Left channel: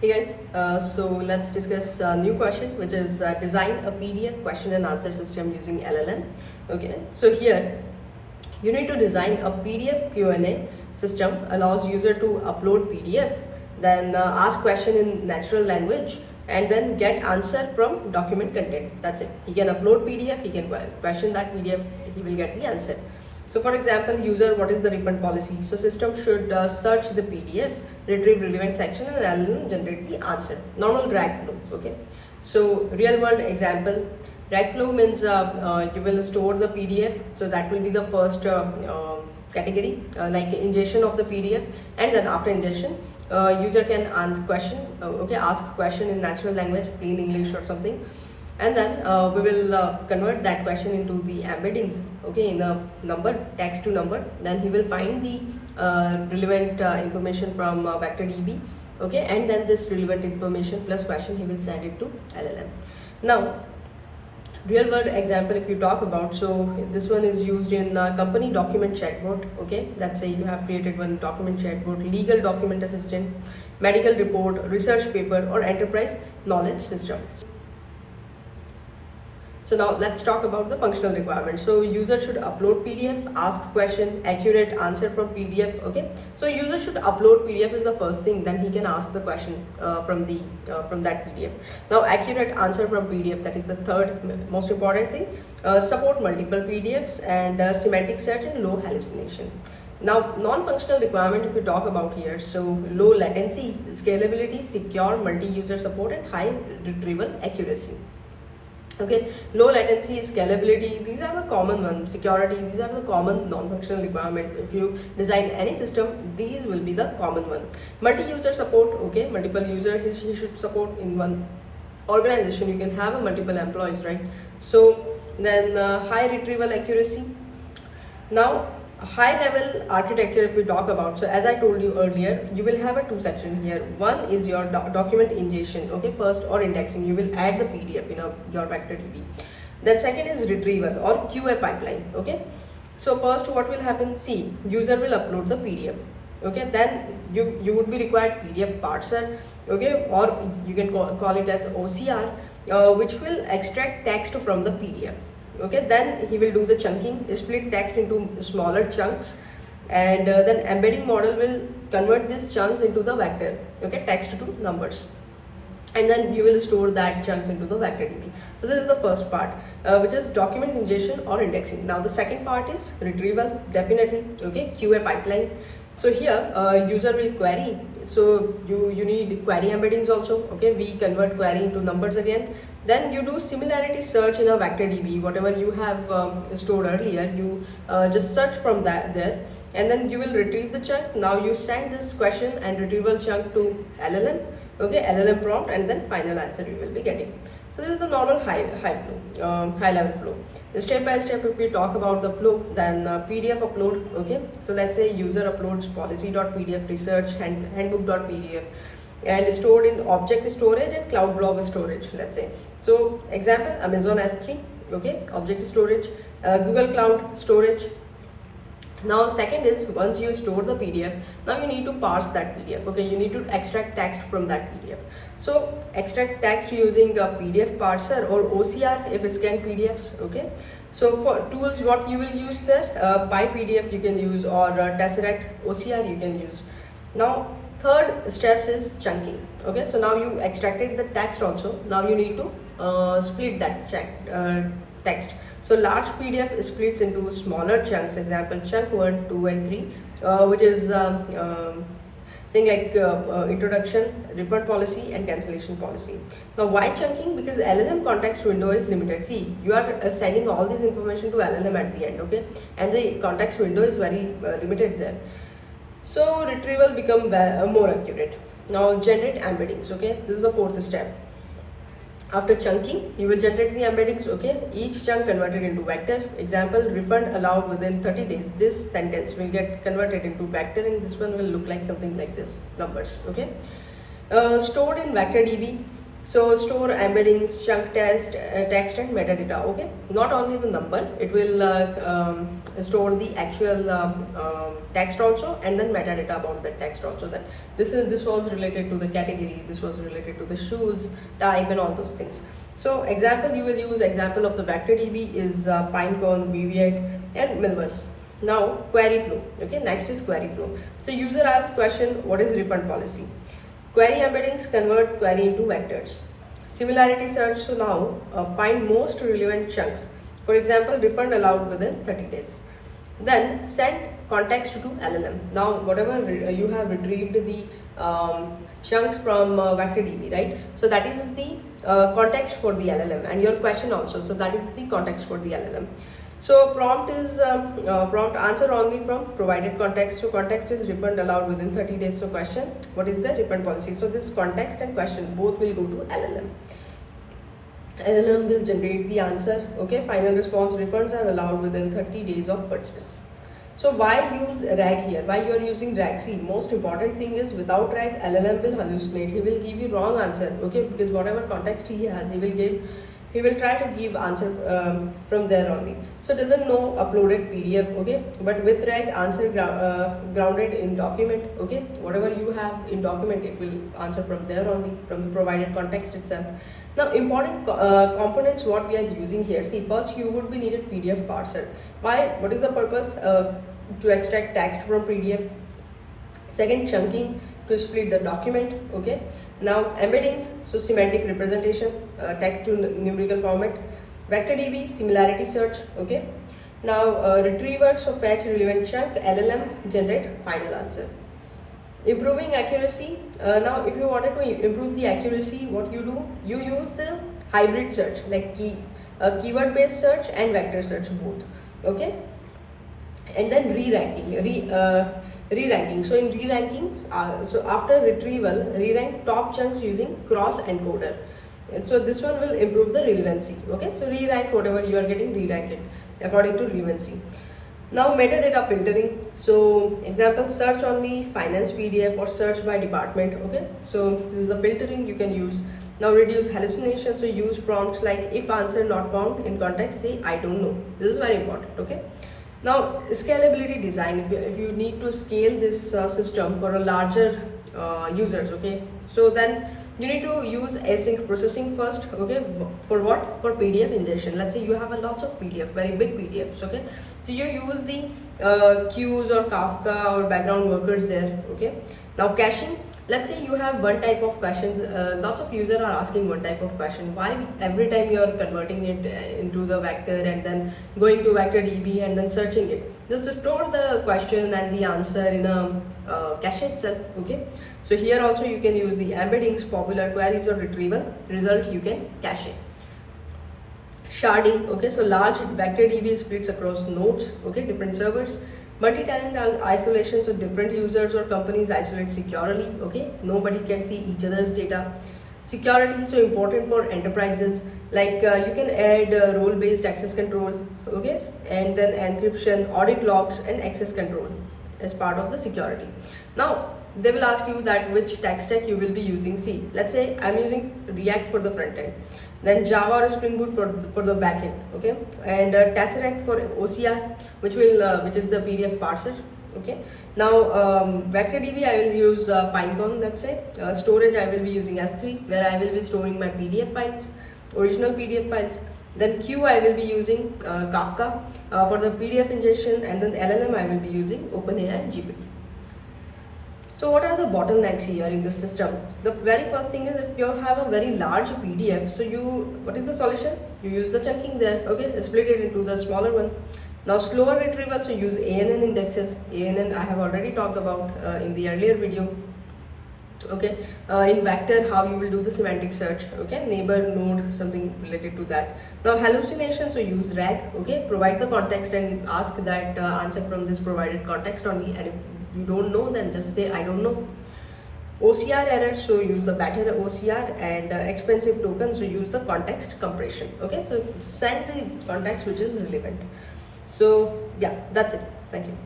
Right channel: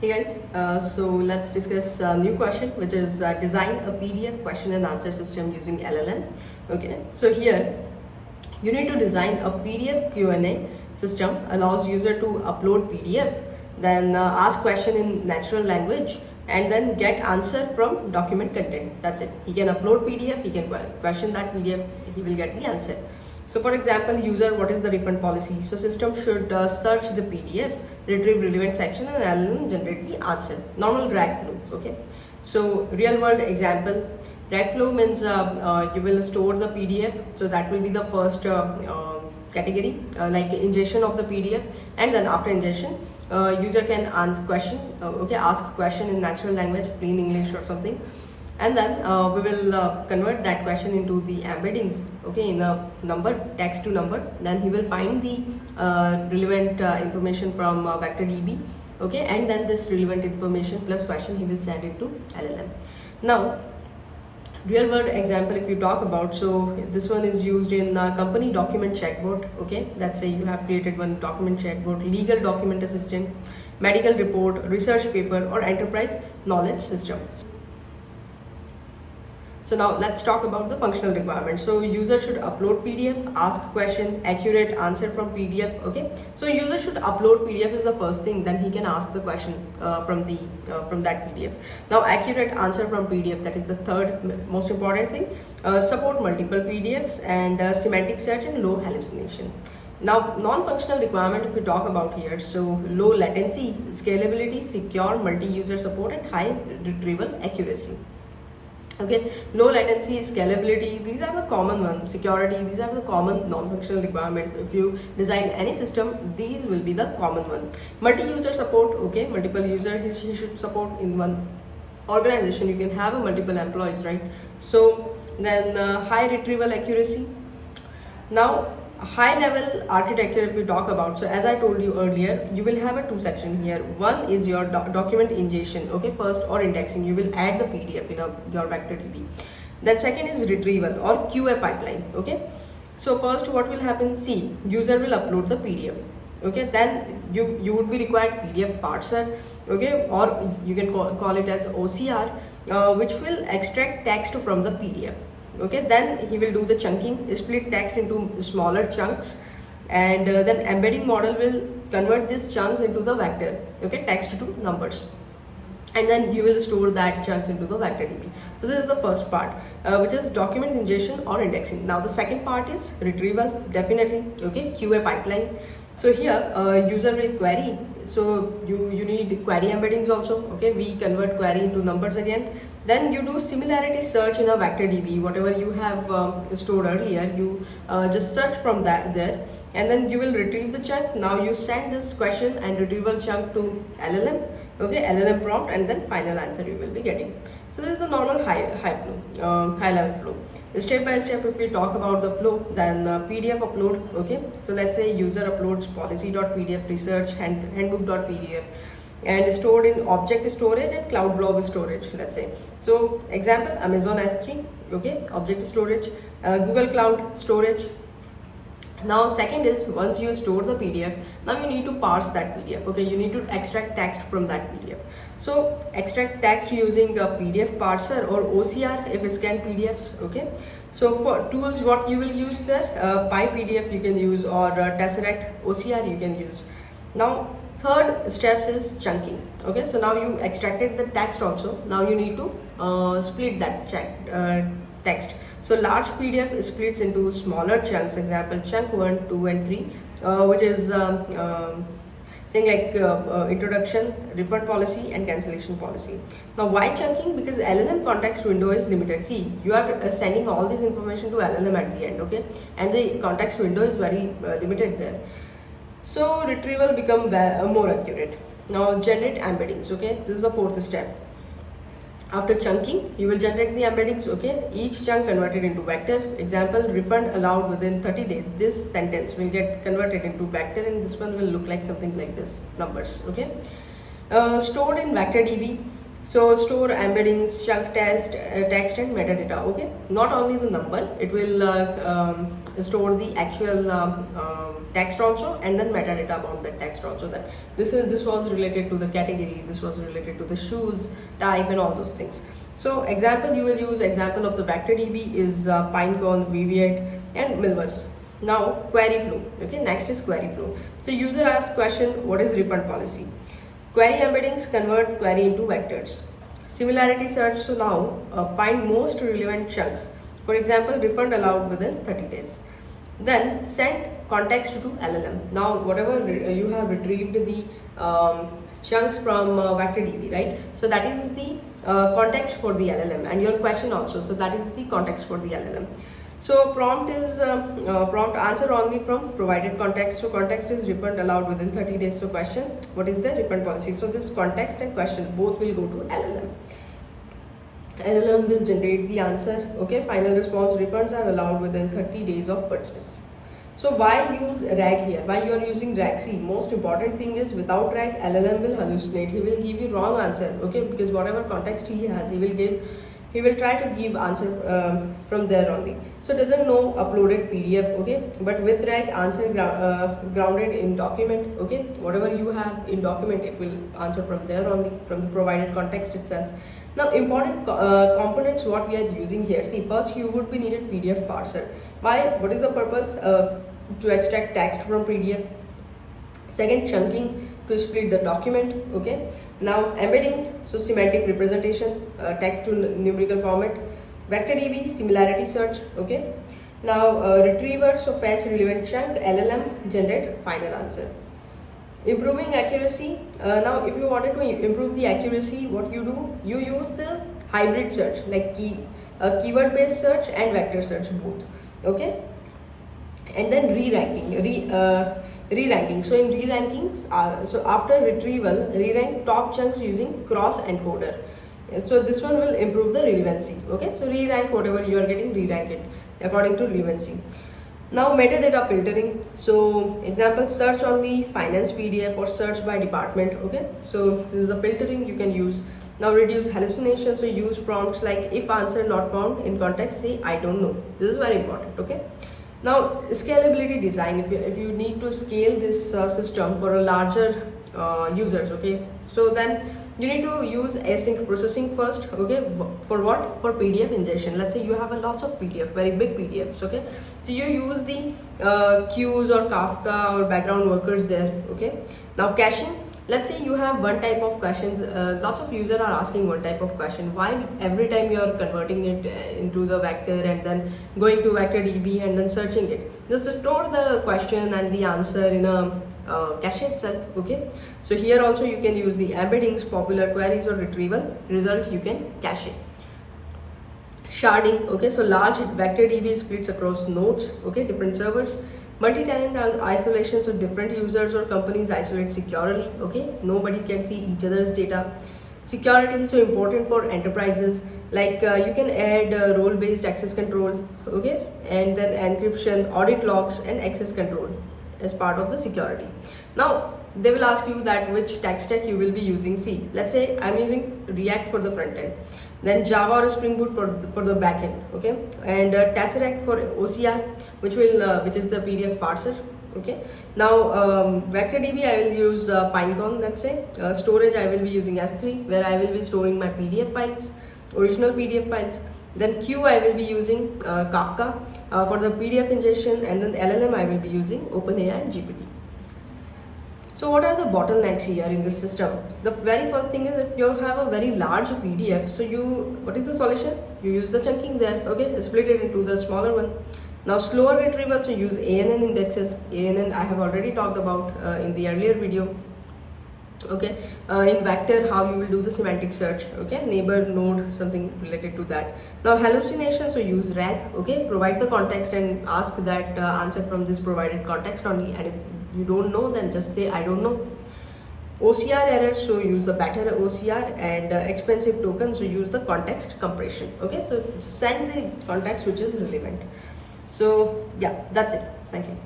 Hey guys, so let's discuss a new question, which is design a PDF question and answer system using LLM. Okay, so here you need to design a PDF Q&A system, allows user to upload PDF, then ask question in natural language, and then get answer from document content. That's it. He can upload PDF, he can question that PDF, he will get the answer. So for example, user, what is the refund policy? So system should search the PDF, retrieve relevant section, and LLM generate the answer. Normal RAG flow. Okay. So real world example, RAG flow means you will store the PDF. So that will be the first category, like ingestion of the PDF, and then after ingestion, user can ask question in natural language, plain English or something, and then we will convert that question into the embeddings, okay, in a number, text to number. Then he will find the relevant information from VectorDB, okay, and then this relevant information plus question he will send it to LLM. Now real world example, if you talk about, so this one is used in company document chatbot. Okay, let's say you have created one document chatbot, legal document assistant, medical report, research paper, or enterprise knowledge systems. So now let's talk about the functional requirements. So user should upload PDF, ask question, accurate answer from PDF. Okay, so user should upload PDF is the first thing, then he can ask the question from that PDF. Now accurate answer from PDF, that is the third most important thing. Support multiple PDFs and semantic search and low hallucination. Now non-functional requirement, if we talk about here, so low latency, scalability, secure multi-user support, and high retrieval accuracy. Okay, low latency, scalability, these are the common ones. Security, these are the common non-functional requirement. If you design any system, these will be the common one. Multi-user support, okay, multiple user he should support in one organization. You can have a multiple employees, right? So then high retrieval accuracy. Now high level architecture, if we talk about, so as I told you earlier, you will have a two section here. One is your document ingestion, okay, first, or indexing, you will add the PDF in your VectorDB. Then second is retrieval or QA pipeline. Okay, so first what will happen, see, user will upload the PDF, okay, then you would be required PDF parser, okay, or you can call it as OCR, which will extract text from the PDF. Okay, then he will do the chunking, split text into smaller chunks, and then embedding model will convert these chunks into the vector, okay, text to numbers, and then you will store that chunks into the VectorDB. So this is the first part, which is document ingestion or indexing. Now the second part is retrieval, definitely, okay, QA pipeline. So here user will query, so you need query embeddings also, okay, we convert query into numbers again. Then you do similarity search in a VectorDB, whatever you have stored earlier, you just search from that there, and then you will retrieve the chunk. Now you send this question and retrieval chunk to LLM, okay, LLM prompt, and then final answer you will be getting. So this is the normal high level flow. Step by step, if we talk about the flow, then PDF upload, okay, so let's say user uploads policy.pdf, research handbook.pdf, and stored in object storage and cloud blob storage, let's say. So example, Amazon S3, okay, object storage, Google Cloud storage. Now second is, once you store the PDF, now you need to parse that PDF, okay, you need to extract text from that PDF. So extract text using a PDF parser or OCR if it's scanned PDFs, okay. So for tools, what you will use there, PyPDF you can use, or Tesseract OCR you can use. Now third steps is chunking, okay, so now you extracted the text also, now you need to split that text. So large PDF splits into smaller chunks, example chunk 1, 2, and 3, which is saying like introduction, refund policy, and cancellation policy. Now why chunking? Because LLM context window is limited. See, you are sending all this information to LLM at the end, okay, and the context window is very limited there. So retrieval become more accurate. Now generate embeddings, okay, this is the fourth step. After chunking, you will generate the embeddings, okay, each chunk converted into vector. Example, refund allowed within 30 days. This sentence will get converted into vector, and this one will look like something like this, numbers, okay. Stored in VectorDB. So store embeddings, chunk text and metadata. Okay, not only the number, it will store the actual text also, and then metadata about the text also, that this was related to the category, this was related to the shoes type and all those things. So example, you will use example of the vector DB is Pinecone, VV8 and Milvus. Now query flow. Okay, next is query flow. So user asks question, what is refund policy? Query embeddings convert query into vectors. Similarity search, so now find most relevant chunks. For example, refund allowed within 30 days. Then send context to LLM. Now whatever you have retrieved the chunks from vector DB, right? So that is the context for the LLM, and your question also. So that is the context for the LLM. So prompt is prompt answer only from provided context. So context is refund allowed within 30 days. So question, what is the refund policy? So this context and question both will go to LLM. LLM will generate the answer. Okay, final response, refunds are allowed within 30 days of purchase. So why use RAG here? Why you are using RAG? See, most important thing is without RAG, LLM will hallucinate. He will give you wrong answer. Okay, because whatever context he has, he will try to give answer from there only. So doesn't know uploaded PDF. Okay, but with RAG, answer grounded in document. Okay, whatever you have in document, it will answer from there only, from the provided context itself. Now important components what we are using here. See, first you would be needed PDF parser. Why? What is the purpose? To extract text from PDF. Second, chunking to split the document. Okay, now embeddings, so semantic representation, text to numerical format. Vector DB, similarity search. Okay, now retriever, so fetch relevant chunk, LLM generate final answer. Improving accuracy. Now if you wanted to improve the accuracy, what you do, you use the hybrid search, like keyword based search and vector search both. Okay, and then re-ranking. So in re-ranking, so after retrieval, re-rank top chunks using cross encoder. So this one will improve the relevancy. Okay, so re-rank whatever you are getting, re-rank it according to relevancy. Now metadata filtering. So example, search only finance PDF or search by department. Okay, so this is the filtering you can use. Now reduce hallucinations. So use prompts like if answer not found in context, say I don't know. This is very important. Okay. Now scalability design, if you need to scale this system for a larger users, okay, so then you need to use async processing first. Okay, for what? For PDF ingestion. Let's say you have a lots of PDF, very big PDFs. Okay, so you use the queues or Kafka or background workers there. Okay, now caching. Let's say you have one type of questions, lots of users are asking one type of question. Why every time you are converting it into the vector and then going to vector DB and then searching it? Just store the question and the answer in a cache itself. Okay, so here also you can use the embeddings, popular queries or retrieval result, you can cache it. Sharding. Okay, so large vector DB splits across nodes. Okay, different servers. Multi-tenant isolation, so different users or companies isolate securely. Okay, nobody can see each other's data. Security is so important for enterprises, like you can add role-based access control. Okay, and then encryption, audit logs and access control as part of the security. Now they will ask you that which tech stack you will be using. See, let's say I'm using React for the front end, then Java or Spring Boot for the back end. Okay, and Tesseract for OCR, which is the PDF parser. Okay, now vector DB I will use Pinecone. Let's say storage I will be using S3, where I will be storing my PDF files, original PDF files. Then Q I will be using Kafka for the PDF ingestion, and then the LLM I will be using OpenAI GPT. So what are the bottlenecks here in this system? The very first thing is, if you have a very large PDF, so what is the solution? You use the chunking there. Okay, split it into the smaller one. Now slower retrieval, so use ANN indexes. ANN I have already talked about in the earlier video. Okay, in vector how you will do the semantic search. Okay, neighbor, node, something related to that. Now hallucination, so use RAG. Okay, provide the context and ask that answer from this provided context only, and if you don't know, then just say I don't know. OCR errors, so use the better OCR, and expensive tokens, so use the context compression. Okay, so send the context which is relevant. So yeah, that's it. Thank you.